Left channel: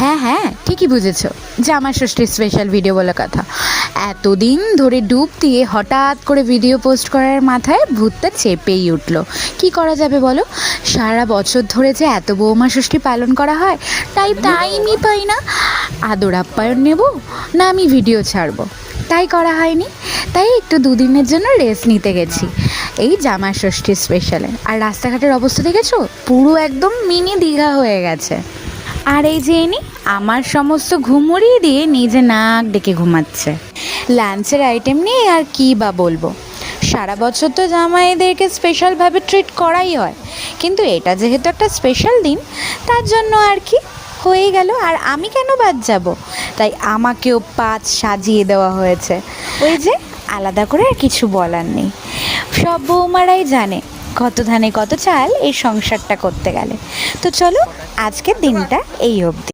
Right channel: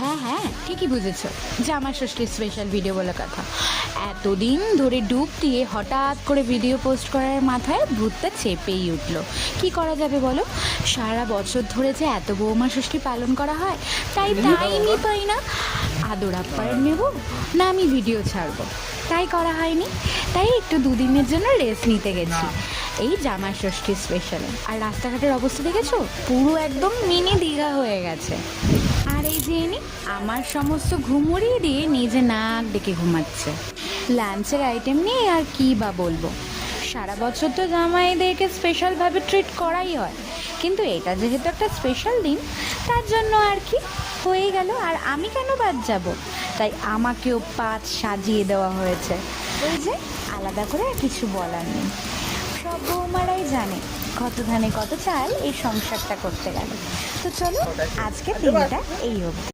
হ্যাঁ হ্যাঁ, ঠিকই বুঝেছ, জামাই ষষ্ঠীর স্পেশাল ভিডিও বলে কথা। এতদিন ধরে ডুব দিয়ে হঠাৎ করে ভিডিও পোস্ট করার মাথায় ভূতটা চেপেই উঠল। কি করা যাবে বলো? সারা বছর ধরে যে এত বৌমা ষষ্ঠী পালন করা হয়, তাই টাইমই পাই না। আদর আপ্যায়ন নেব না আমি ভিডিও ছাড়বো, তাই করা হয়নি। তাই একটু দুদিনের জন্য রেস্ট নিতে গেছি এই জামাই ষষ্ঠীর স্পেশালে। আর রাস্তাঘাটের অবস্থা দেখেছো? পুরো একদম মিনি দীঘা হয়ে গেছে। আর এই যে ইনি আমার সমস্ত ঘুম উড়িয়ে দিয়ে নিজে নাক ডেকে ঘুমাচ্ছে। লাঞ্চের আইটেম নিয়ে আর কি বা বলবো, সারা বছর তো জামাইদেরকে স্পেশালভাবে ট্রিট করাই হয়, কিন্তু এটা যেহেতু একটা স্পেশাল দিন, তার জন্য আর কি হয়েই গেল। আর আমি কেন বাদ যাব? তাই আমাকেও পাত সাজিয়ে দেওয়া হয়েছে। ওই যে আলাদা করে আর কিছু বলার নেই, সব বৌমারাই জানে কত ধানে কত চাল এই সংসারটা করতে গেলে। তো চলো, আজকের দিনটা এই অবধি।